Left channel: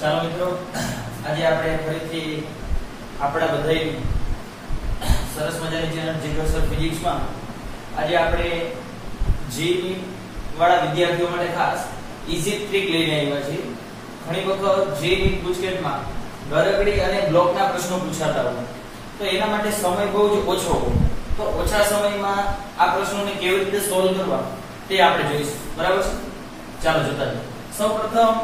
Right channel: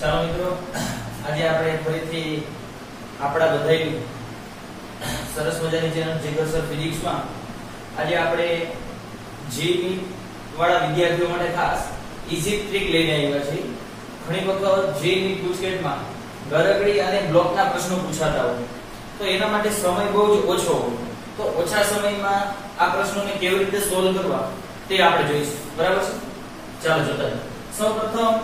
ચાલો મિત્રો, આજે આપણે ફરીથી આપણા બધાય સરસ મજાની ચેનલ જીગર સર ફિઝિક્સમાં આજે આપણે જીઈ વાળા વિદ્યાર્થીઓ માટે ખાસ ઈઝી ટ્રીક લઈને આવ્યા છીએ. ઘણી વખત જીઈ પૂછકેટમાં ગરગડી અને બ્લોકના પ્રશ્નો પૂછાતા હોય તો એના માટે સમય બહુ જ ઓછો હોય, તો ઓછા સમયમાં આ પ્રશ્નોને કેવી રીતે સોલ્વ કરવા તે આપણે જોઈશું. બરાબર છે? ચાલો જોતા જઈએ. સૌપ્રથમ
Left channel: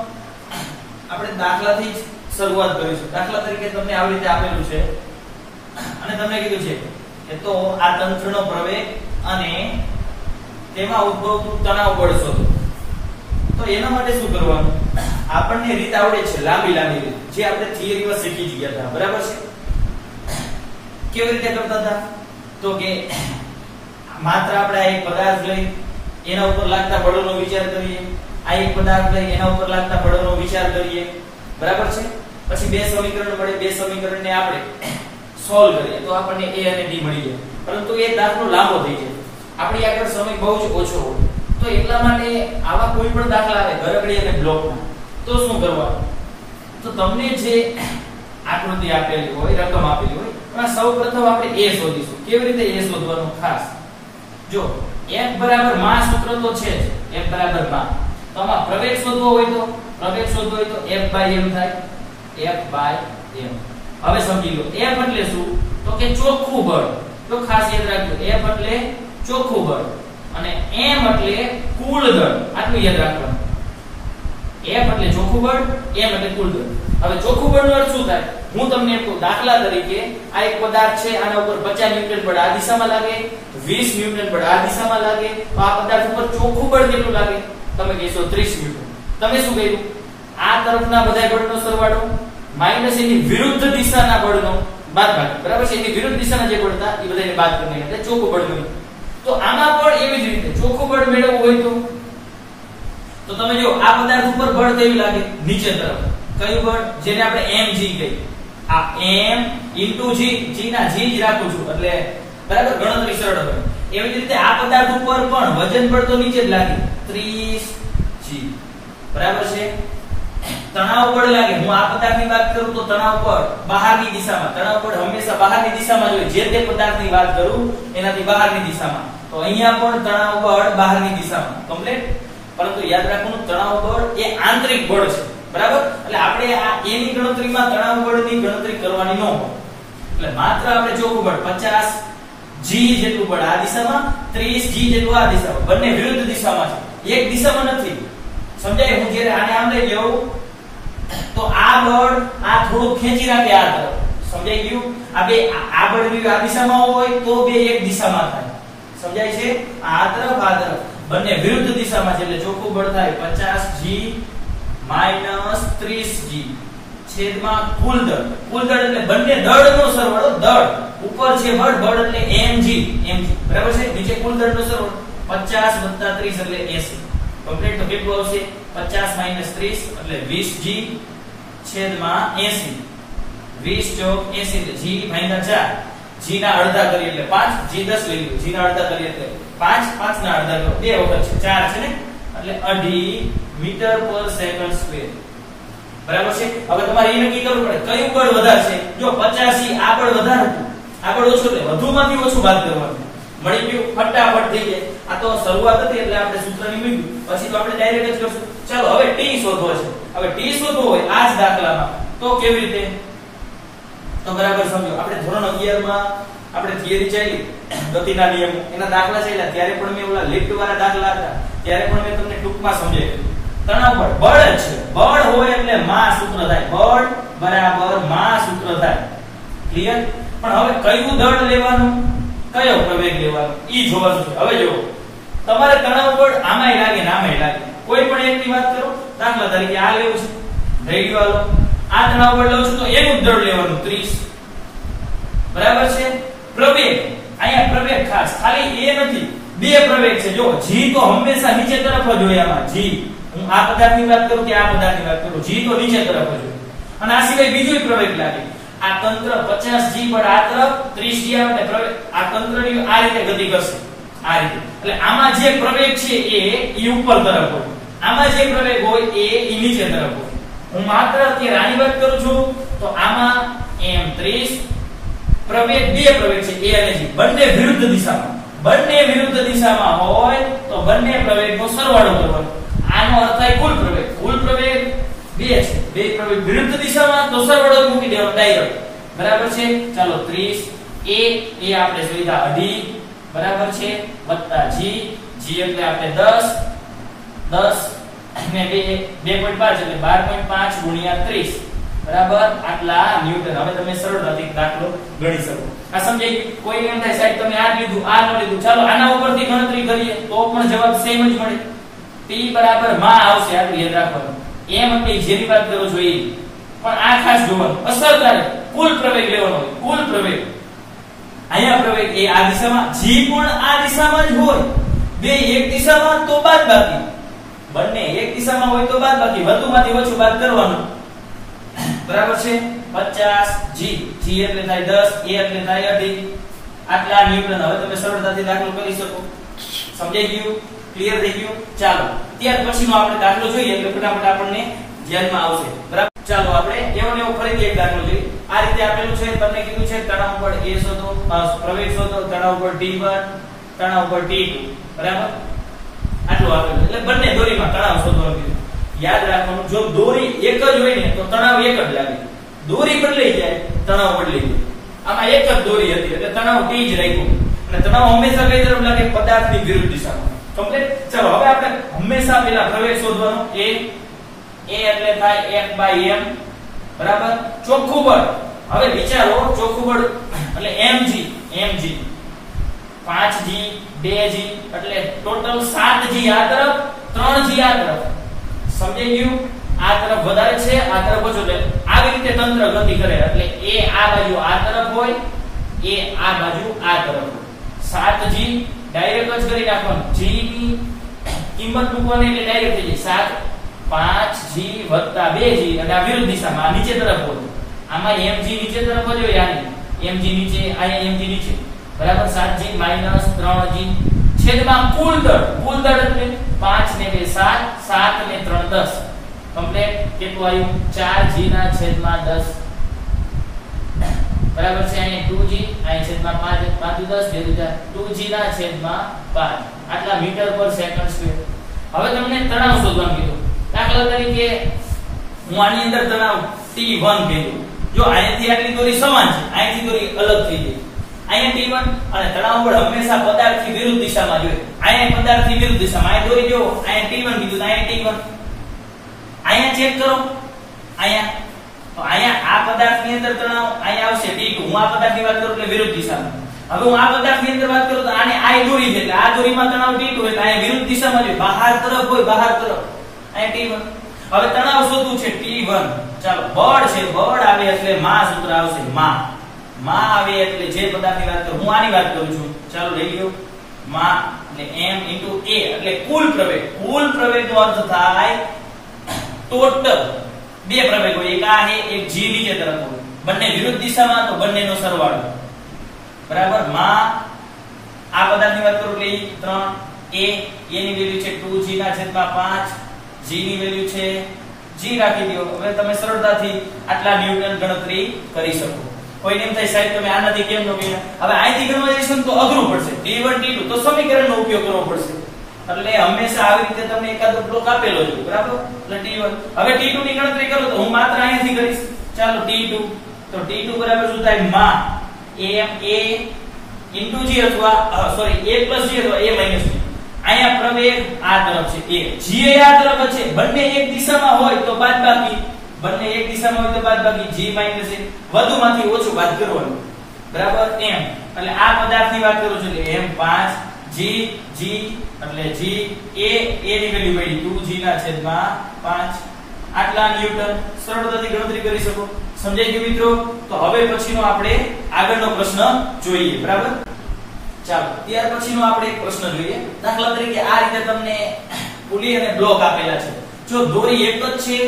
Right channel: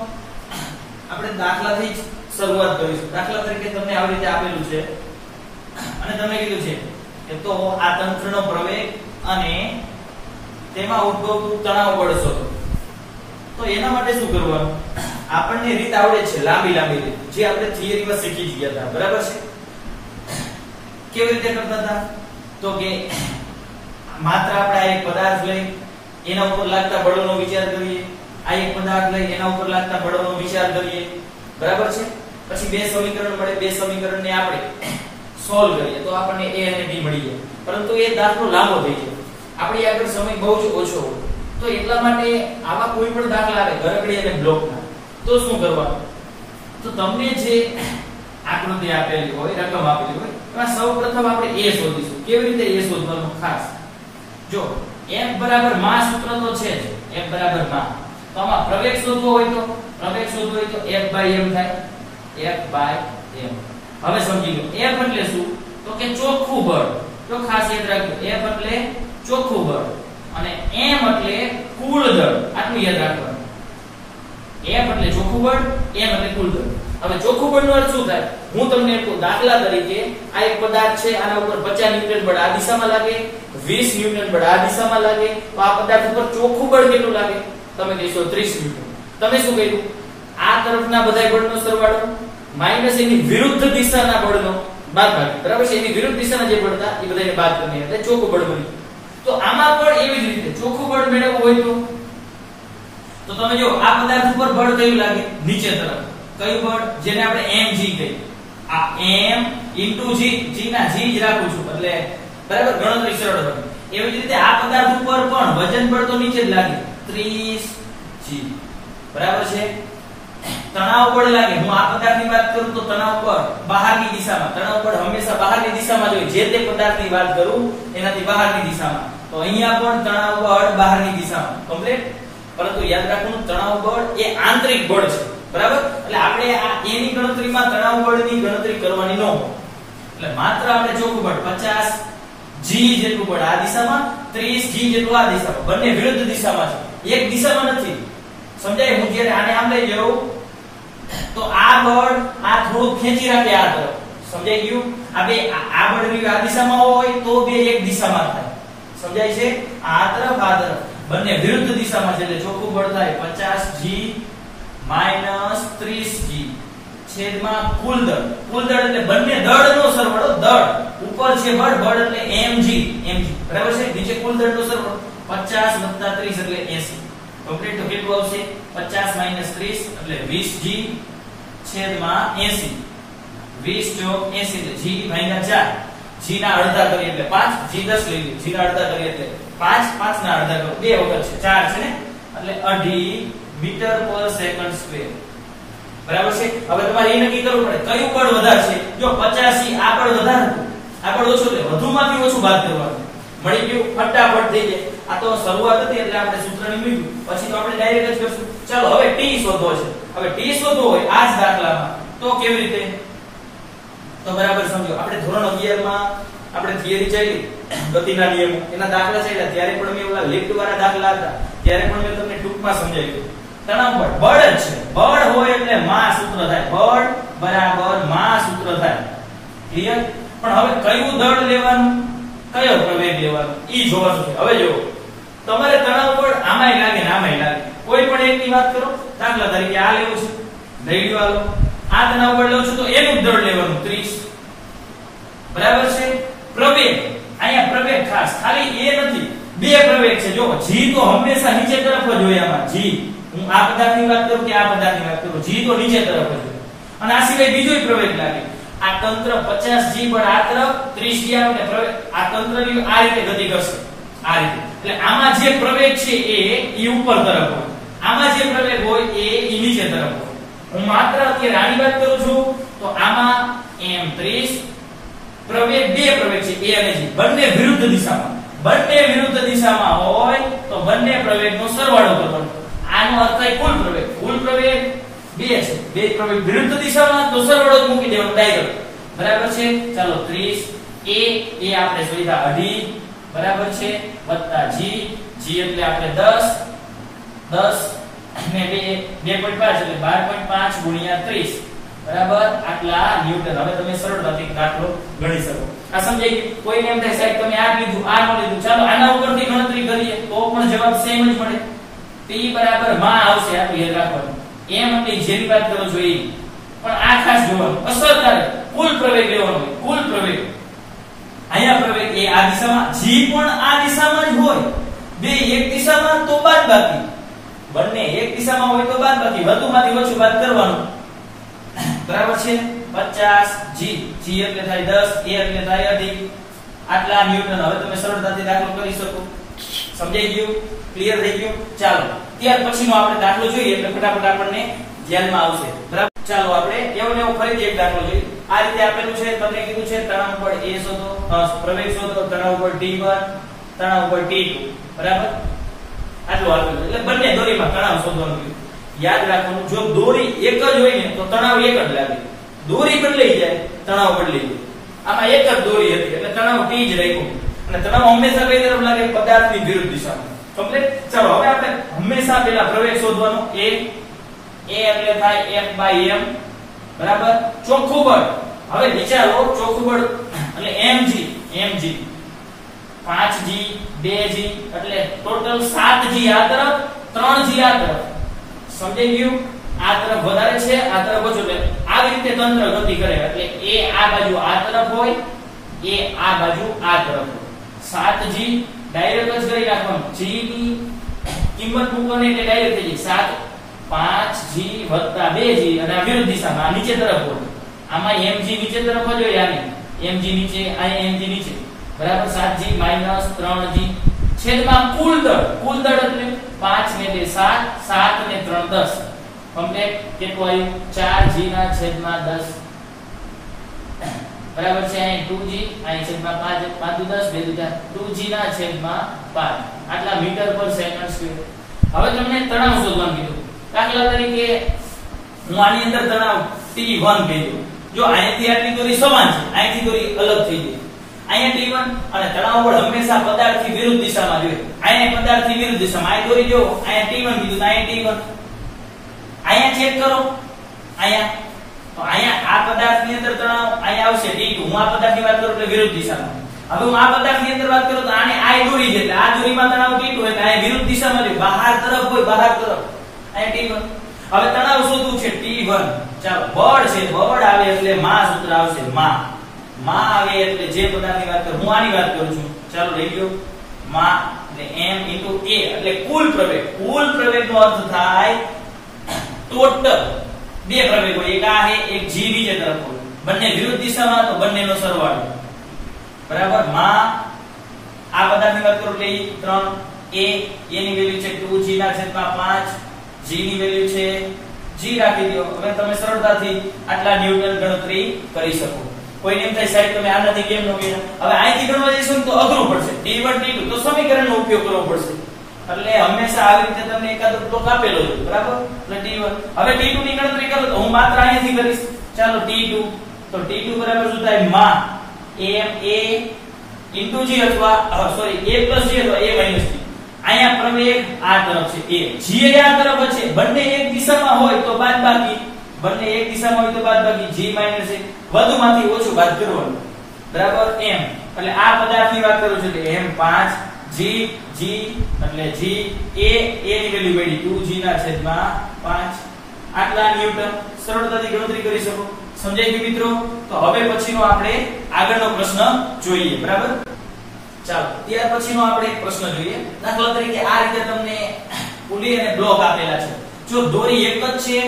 આપણે દાખલાથી જ શરૂઆત કરીશું. દાખલા તરીકે તમને આવી રીતે આપેલું છે અને તમને કીધું છે કે તો આ તંત્રનો પ્રવેગ અને તેમાં ઉદ્ભવતું તણાવ બળ શોધો. તો એના માટે શું કરવાનું? આપણને રીત આવડે છે, લાંબી રીત, જે આપણે થિયરીમાં શીખી ગયા હતા. બરાબર છે? કેવી રીતે કરતા હતા? તો કે માત્ર આપણે આ એક પદાર્થ લઈ એના ઉપર લાગતા બળોનો વિચાર કરીએ, આ એક પદાર્થ લઈ એના ઉપર લાગતા બળોનો વિચાર કરીએ. બરાબર છે? પછી બે સમીકરણ મળે, બે સમીકરણને આપણે સોલ્વ કરીએ તો આપણને a અને b મળી જાય. પરંતુ એ દાખલો લાંબો થઈ જાય, આપણી આગળ સમય બહુ જ ઓછો હોય. તો એટલા માટે આવા કોઈ પણ દાખલા આવે ગરગડી અને બ્લોકના, તો શું કરવાનું? તો તમને જે આકૃતિ આપેલી હોય, રકમ આપેલી હોય, એમાં સૌપ્રથમ આપણે a શોધીશું. કેવી રીતે a શોધવાનું? ખાસ જો F બરાબર માં સૂત્ર તો છે જ, F બરાબર માં. તો આમાં પ્રવેગ શોધવો હોય તો F by m થાય, F by m. હવે સમજી લો, F એટલે શું? તો કે ચોખ્ખું બળ. તો ખાસ યાદ રાખજો, F એટલે ચોખ્ખું બળ અને m એટલે કુલ દળ. આટલું યાદ રાખવાનું. F એટલે ચોખ્ખું બળ, m એટલે કુલ દળ. હવે ચોખ્ખું બળનો અર્થ શું થાય? હું તમને એક દાખલા તરીકે, આ એક પદાર્થ છે, આના ઉપર 50 ન્યૂટન બળ આ દિશામાં લાગે, 20 ન્યૂટન બળ આ દિશામાં લાગે, તો આ પદાર્થ ઉપર ચોખ્ખું બળ કેટલું લાગે? તમે કહેશો 30 ન્યૂટન. તમે શું કહ્યું? આ તરફના બધા બળનો સરવાળો માઈનસ એની વિરુદ્ધ દિશાના બળનો બાદબાકી. બરાબર છે? એની વિરુદ્ધ દિશાના જે બળ હતા એ બધાને બાદ કરીને એટલે ચોખ્ખું બળ મળ્યું. તો આમાં પણ એવી જ રીતે ચોખ્ખું બળ મેળવવું હોય તો તમે જો આ પદાર્થ ઉપર બળ કયું લાગે? નીચે તરફ. કયું બળ? જેને આપણે mg કહીએ. આ m * g, g ના g જ રાખું છું એટલે બરાબર ગણતરી સરળ બને. એવી જ રીતે આ પદાર્થ ઉપર પણ વજન બળ તો નીચે જ લાગે, 30g. બરાબર છે? તણાવ બળ લાગે, હું આ પદાર્થની વાત કરું તો તણાવ બળ બહારની દિશામાં, તણાવ બળ હંમેશા બહારની દિશામાં જ હોય. જે તે પદાર્થની વાત કરું એનાથી બહારની દિશામાં, તો અહીંયા પણ તણાવ બળ બહારની દિશામાં કમ્પ્લીટ. પરંતુ યાદ રાખવાનું, તણાવ બળ એ આંતરિક બળ છે. બરાબર? એટલે આપણે આ a ની ગણતરીમાં તણાવ બળની ગણતરી કરવાની ન હોય. એટલે માત્ર આપણે ચોખ્ખું બળ 50g જેટલું બળ આ દિશામાં, 30g જેટલું આ દિશામાં, બંને વિરુદ્ધ દિશામાં છે, એક દિશામાં નથી. સમજાય? હું જ્યારે આને આમ લઈ જાઉં તો આ બળ આ થોડું ખેંચી રાખે આ તરફ. સમજાઈ ગયું? આ બે આ બળ આ દિશામાં હોય તો બે એક દિશામાં થાય. સમજાય છે? આ તરફ બંને વિરુદ્ધ દિશામાં છે એટલે ચોખ્ખું બળ થાય 50g - 30g છેદમાં કુલ દળ. કુલ દળ એટલે બંને દળનો સરવાળો. દળ ઉપર છે બળ એટલે mg. બરાબર છે? નીચે કુલ દળનો સરવાળો 50 + 30 એટલે 80. કમ્પ્લીટ. તો કેટલું આવશે? 50 - 30 એટલે 20g છેદમાં 80. 20 * 80 એટલે g / 4. g ના અડધા કરીએ એટલે 5, g 10 લઈ લો. g ના અડધા કરીએ એટલે 5, 5 ના અડધા કરો 2 વખત છે, 4 છે ને, એટલે 2.5 મીટર/સેકન્ડ². બરાબર છે? હવે તમારે એ નક્કી કરવું પડે કયું બળ વધારે છે. જો 50 આ બળ વધારે હતું, આ બળ ઓછું, એટલે વધુમાંથી ઓછું બાદ કરવાનું. મળી ગયું? ફટાફટ થઈ જાય. આ તો શરૂઆત હતી એટલે આપણે સૂત્રની મૂક્યું, પછી તો આપણે ડાયરેક્ટ જ કરશું. ચાલો હવે t શોધવો છે. હવે t શોધવો હોય આ જ દાખલામાં તો કેવી રીતે? તો બરાબર સમજો, આપણે ધોરણ 11 માં આપણે થિયરી ચાલી ગતિના નિયમો, એના દાખલા ચાલ્યા, ત્યારે પણ મેં ઓલા લિફ્ટ વાળા દાખલા હતા ત્યારે પણ મેં તમને ટૂંકમાં સમજાવ્યું. તણાવ બળ બળ જ છે. બળ હોય એટલે માં સૂત્ર થાય. બળ બરાબર માં સૂત્ર થાય. ક્લિયર? પણ હવે કયું દળ લેવાનું, કયો પ્રવેગ લેવાનો ઈ જોવાનું છે. હવે જો તમારે તણાવ બળ આમાંય લાગે ને આમાંય લાગે, કોઈ પણ એકની વાત કરો. દાખલા તરીકે આ લેવું છે, લઈ લો. હાલો, આ તણાવ બળ લઉં છું તો એનું દળ લેવાનું 30. બરાબર છે? પ્રવેગ, અહીંયા પ્રવેગ ખાસ ખાલી એ નથી, બે પ્રવેગ છે. જો g તો હંમેશા નીચે તરફ જ હોય. આમાં g, હું આ પદાર્થની વાત કરું કે આ પદાર્થની વાત કરું, g તો નીચે તરફ જ હોય. અને આ સિવાય બીજોય પ્રવેગ લાગે. આ તંત્ર 50g બળ આ તરફ, 30g આ પ્રવેગ, આ તંત્રની આ રીતે ગતિ કરશે, આ રીતે. એટલે આમાં જે પ્રવેગ છે એ ઉપર તરફ હોય, આમાં જે પ્રવેગ હોય એ નીચે તરફ હોય. હું માત્ર અત્યારે આની વાત કરું છું તો આમાં m30 પ્રવેગ બે પ્રવેગ છે a અને g બંને વિરુદ્ધ દિશામાં હોય તો બંને પ્રવેગનો સરવાળો કરવાનો આનો અર્થ થાય કુલ પ્રવેગ બે છે બે પ્રવેગ વિરુદ્ધ દિશામાં તો સરવાળો જ મૂકી દેવાનો ડાયરેક્ટ બરાબર છે ચાલો 30 એ આપણે જોઈતા 2.5 બરાબર છે વત્તા g એટલે આપણે 10 અને 2.5 એટલે 12.5 ગુણ્યા 30 બરાબર આટલા ન્યૂટન હવે તમે સરળતાથી દાખલો ગણી શકો આ સમજાય કોઈને એમ થાય સાહેબ તમે આ લીધું આ નો લીધું ચાલો આના ઉપરથી ગણતરી કરીએ તો પણ જવાબ સેમ જ મળે p બરાબર માં આવશે આટલું યાદ રાખવાનું એમ એટલે જેની વાત કરો છો એ પણ આ ખાસ જોવાનું અસરકારક કુલ પ્રવેગ લેવાનો હોય કુલ પ્રવેગ અહીંયા પ્રવેગ એ આ દિશામાં g પણ આ દિશામાં જ હોય બે એક દિશામાં તો બાદબાકી બંને એક દિશામાં હોય તો બાદબાકી વધુમાંથી ઓછું બાદ કરવાનું બરાબર છે 50 g એટલે થાય 10 a એટલે થાય 2.5 આટલા ન્યૂટન હવે તમે સરળતાથી દાખલો કરી શકો સમજાઈ ગયું ક્લિયર થઈ ગયું ચાલો ત્યાર પછીનો આપણે દાખલો જોઈએ એટલે ફટાફટ આપણને ધ્યાનમાં આવશે બરાબર ચાલો આપણે એવો ફરીથી એક દાખલો જોઈએ આ રીતે આપેલું છે તમને કીધું છે તણાવ બળ a શોધો પ્રવેગ શોધો તણાવ બળ T1 તણાવ બળ T2 બરાબર આટલું આપેલું એટલે બંને દોરીમાં તણાવ શોધવાનું કીધું યાદ રાખવાનું જો દોરી એક જ હોય ને તો તણાવ એક જ લાગે દોરી બદલાઈ જાય તણાવ બદલાઈ જાય આમાં એક જ દોરી હતી એટલે તણાવ T જ રાખ્યું અને તણાવ હંમેશા કઈ તરફ લાગે પદાર્થની વિરુદ્ધ દિશામાં કમ્પ્લીટ ચાલો હવે આપણે હંમેશા પેલા પ્રવેગ શોધવાનો a એટલે થાય F/m બરાબર ચોખ્ખું બળ હવે વિચારો ચોખ્ખું બળ એટલે mg 5g 2g એટલે ટોટલ 7g આ તરફ 3g આ તરફ સમજાઈ ગયું આ તરફ વધારે છે આ તરફ ઓછું એટલે આવી રીતે તંત્ર ગતિ કરે એટલે a આ બાજુ આ તરફ હોય a આ બાજુ આ તરફ હોય 7g ડાયરેક્ટ જ કરી નાખવાનું g ની કિંમત મૂકવાની એટલે ડાયરેક્ટ થઈ જાય 5g 2g અને આ વિરુદ્ધ દિશામાં આ નીચે તરફ હોય આમાં mg નીચે તરફ જ હોય આની mg નીચે અહીંયા mg નીચે બરાબર 7g 3g છેદમાં કુલ દળ એટલે 5 ને 2 7 7 ને 3 10 કમ્પ્લીટ કેટલું આવ્યું 4g ના છેદમાં 10 બરાબર છે અહીંયા 2g અહીંયા છેદમાં 5 5 10 2g ના છેદમાં 5 આટલા મીટર પર સેકન્ડ સ્ક્વેર હવે તમને તણાવ શોધવાનું કીધું દાખલા તરીકે હું આની અંદર તણાવ T1 કીધું જો અહીંયાથી આટલી દોરી સમાન છે અહીંથી દોરી અલગ થઈ ગઈ અહીંયા T1 અને તણાવ બળ હંમેશા પદાર્થની વિરુદ્ધ દિશામાં જોઈએ અહીંયા પદાર્થની વિરુદ્ધ દિશામાં આ દોરી જો અહીંયા T1 કીધું અહીંયા T1 અહીંયા ચેક કરો અહીંયા તો અહીંયા આ પદાર્થની અંદર તણાવ અહીંયા આવશે T2 હું આ પદાર્થની વાત કરું એટલે વિરુદ્ધ દિશામાં હવે હું આ પદાર્થની અંદર વાત કરું તો આને આ દોરી છે એટલે આ દોરીમાં તણાવ T2 એટલે અહીંયા વિરુદ્ધ દિશામાં જોઈએ બહાર તરફ હોય બહાર તરફ અહીંયા T1 હવે તણાવ શોધવું છે T1 ચાલો બળ છે બળ આવે એટલે માં સૂત્ર આવશે માં આવે એટલે જે પદાર્થની વાત કરું હું આની વાત કરું છું ચાલો લઈ લો માં એટલે m * a એટલે કુલ પ્રવેગનો અર્થ થાય ટોટલ બે પ્રવેગ હોય એક આ છે એક g નીચે તરફ હોય બંને વિરુદ્ધ દિશામાં તો બંનેનો સરવાળો બરાબર માં આ પદાર્થની વાત કરું એટલે 3 a ની વેલ્યુ છે 2g ના છેદમાં 5 g ની વેલ્યુ છે g રાખી દો હવે તમે સરળતાથી આટલા ન્યૂટન ગણતરી કરી શકો કોઈને એમ થાય સાહેબ તમે આનાથી કેમ નો કર્યા હવે અહીંથી ગણવા જઈશું તો અઘરું પડશે T1 T2 તો સમીકરણનો ઉપયોગ કરવો પડશે એટલે હંમેશા આવી રીતે તમને એકાદો બ્લોક આપેલો છે બરાબર એટલે T1 હવે T2 ની ગણતરી કરો તો હું માત્ર અહીંથી કરીશ ચાલો T2 તો T2 બરાબર શું થાય માં a g અથવા સોરી a g અથવા a g અહીંયા પ્રવેગ આ તરફ છે a g આ તરફ છે બંને એક દિશામાં હોય તો બાદબાકી બંને એક દિશામાં હોય તો બાદબાકી g - a વધુમાંથી ઓછું બાદ કરવાનું બરાબર m એટલે આ પદાર્થની વાત કરું છું એટલે m 5 g એટલે g a ની વેલ્યુ મળી 2g ના છેદમાં 5 આટલા ન્યૂટન સરળતાથી ગણતરી કરી શકો સમજાઈ ગયું મિત્રો તો હવે પછીનો આપણે આગળનો પ્રશ્ન જોઈએ બરાબર ચાલો ત્યાર પછીનો આપણે એક પ્રશ્ન જોઈએ દાખલા તરીકે આ રીતે તમને પુલી અને બ્લોક આપેલા છે જો દોરી એક જ છે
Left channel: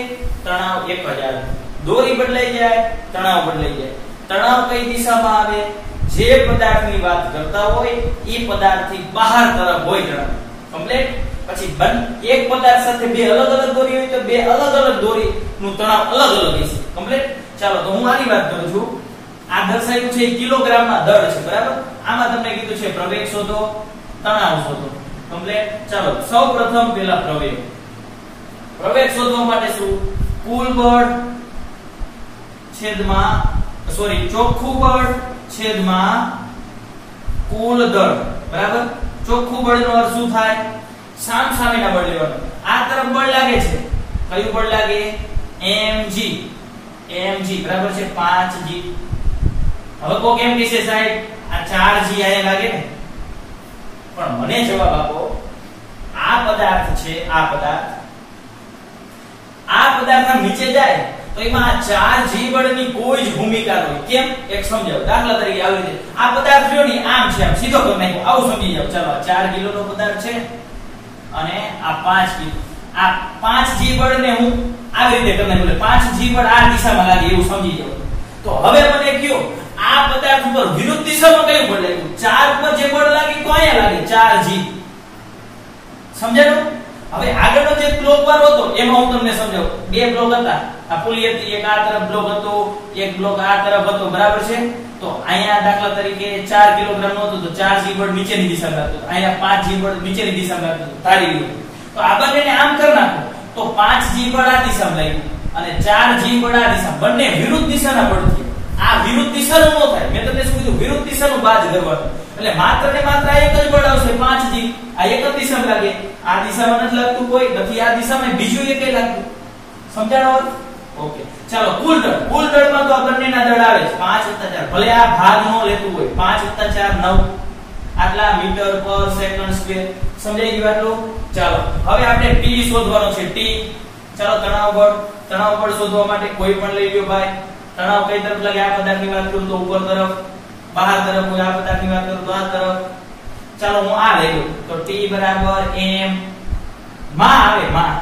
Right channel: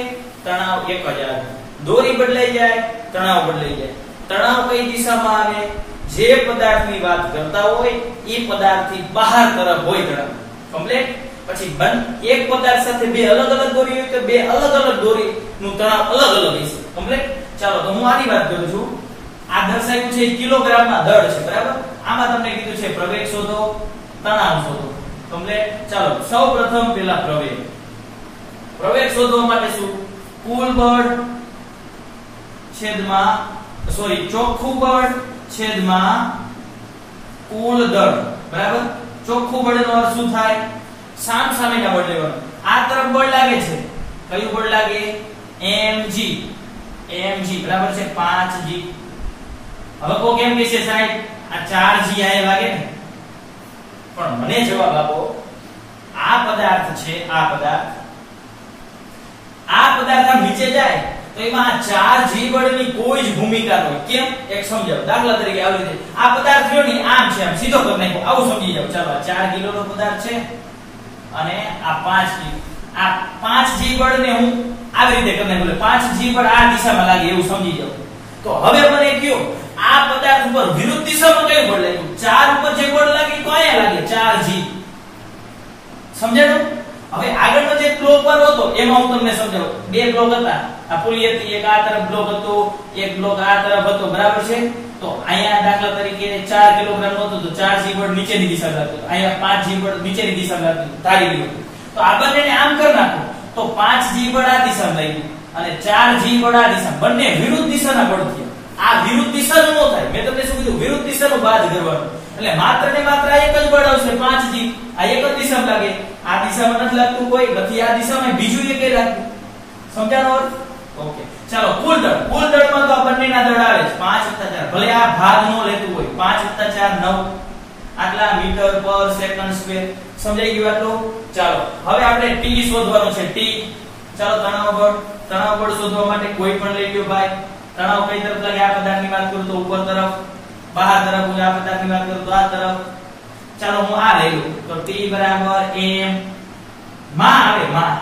તણાવ એક જ આવે દોરી બદલાઈ જાય તણાવ બદલાઈ જાય તણાવ કઈ દિશામાં આવે જે પદાર્થની વાત કરતા હોય એ પદાર્થથી બહાર તરફ હોય તણાવ કમ્પ્લીટ પછી એક પદાર્થ સાથે બે અલગ અલગ દોરી હોય તો બે અલગ અલગ દોરી નું તણાવ અલગ અલગ હશે કમ્પ્લીટ ચાલો તો હું આની વાત કરું છું આ દર્શાવ્યું છે કિલોગ્રામમાં દળ છે બરાબર આમાં તમને કીધું છે પ્રવેગ શોધો તણાવ શોધો કમ્પ્લીટ ચાલો સૌપ્રથમ પેલા પ્રવેગ શોધવા માટે શું કુલ બળ છેદમાં ચોખ્ખું બળ છેદમાં કુલ દળ બરાબર ચોખ્ખું બળનો અર્થ શું થાય સામસામેના બળ લેવાનું આ તરફ બળ લાગે છે કયું બળ લાગે mg બરાબર છે 5g હવે કો કેમ કે છે સાહેબ આ 4g આયા લાગે ને પણ મને જવાબ આપો આ પદાર્થ છે આ પદાર્થ નીચે જાય તો એમાં 4g બળની કોઈ જ ભૂમિકા ન હોય કેમ એક સમજાવ દાખલા તરીકે આવી રીતે આ પદાર્થ જો ને આમ છે આમ સીધો કરી નાખો આવું સમજી જાવ ચાલો 4 કિલોનો પદાર્થ છે અને આ 5 કિલો આ 5g બળને હું આવી રીતે કરી નાખું એટલે 5g બળ આ દિશામાં લાગે એવું સમજી જાવ તો હવે મને કયો આ પદાર્થ ઉપર વિરુદ્ધ દિશામાં કયું બળ લાગ્યું 4 ઉપર જે બળ લાગે તો અહીંયા લાગે 4g સમજાયું હવે આગળનો જે બ્લોક વાળો હતો એમાં હું તમને સમજાવું બે બ્લોક હતા આ પુલી હતી એક આ તરફ બ્લોક હતો એક બ્લોક આ તરફ હતો બરાબર છે તો અહીંયા દાખલા તરીકે 4 કિલોગ્રામ નો હતો તો 4g બળ નીચેની દિશામાં લાગતું અહીંયા 5g બળ નીચેની દિશામાં લાગતું ધારી લ્યો તો આ બંનેને આમ કરી નાખો તો 5g બળ આ દિશામાં લાગ્યું અને 4g બળ આ દિશામાં બંને વિરુદ્ધ દિશાના બળ છે આ વિરુદ્ધ દિશાનું ન થાય મેં તમને શું કીધું વિરુદ્ધ દિશાનું બાદ કરવાનું એટલે માત્ર ને માત્ર એક જ બળ આવશે 5g આ એક જ દિશામાં લાગે આ દિશામાં નથી લાગતું કોઈ નથી આ દિશામાં બીજું એક લાગતું સમજાણો ઓકે ચાલો કુલ દળમાં તો આ બંનેના દળ આવે છે 5 + 4 ભલે આ ભાગ નો લેતું હોય 5 + 4 9 આટલા મીટર પર સેકન્ડ સ્ક્વેર સમજાઈ ગયું આટલું ચાલો હવે આપણે t શોધવાનો છે t ચાલો તણાવ બળ શોધવા માટે કોઈ પણ લઈ લ્યો ભાઈ તણાવ કઈ તરફ લાગે આ પદાર્થની વાત કરું તો ઉપર તરફ બહાર તરફ હોય આ પદાર્થની વાત કરું તો આ તરફ ચાલો હું આ લઈ લઉં તો t = m માં આવે માં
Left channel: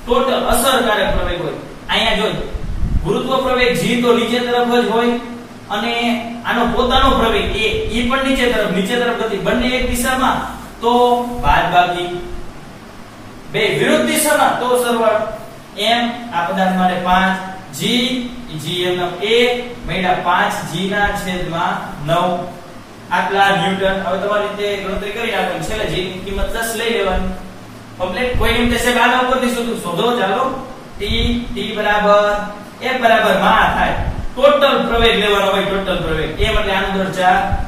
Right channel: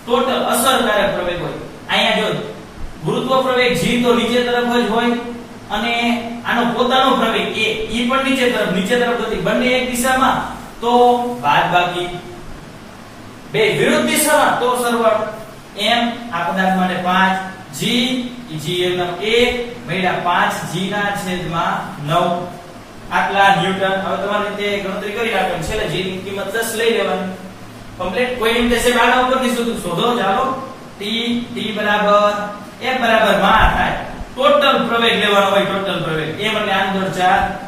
ટોટલ અસરકારક પ્રવેગ હોય અહીંયા જો ગુરુત્વ પ્રવેગ g તો નીચે તરફ જ હોય અને આનો પોતાનો પ્રવેગ a ઈ પણ નીચે તરફ ગતિ બંને એક દિશામાં તો બાદબાકી બે વિરુદ્ધ દિશામાં તો સરવાળો m આ પદાર્થ માટે 5 g એમ 1 મેળા 5g ના છેદમાં 9 આટલા ન્યૂટન હવે તમારી રીતે ગણતરી કરી આપો છેલ્લે g ની કિંમત 10 લઈ લેવાની કમ્પ્લીટ કોઈ એમ થશે આના ઉપરથી શોધો ચાલો t બરાબર f બરાબર માં થાય ટોટલ પ્રવેગ લેવાનો હોય ટોટલ પ્રવેગ m એટલે આનો દર 4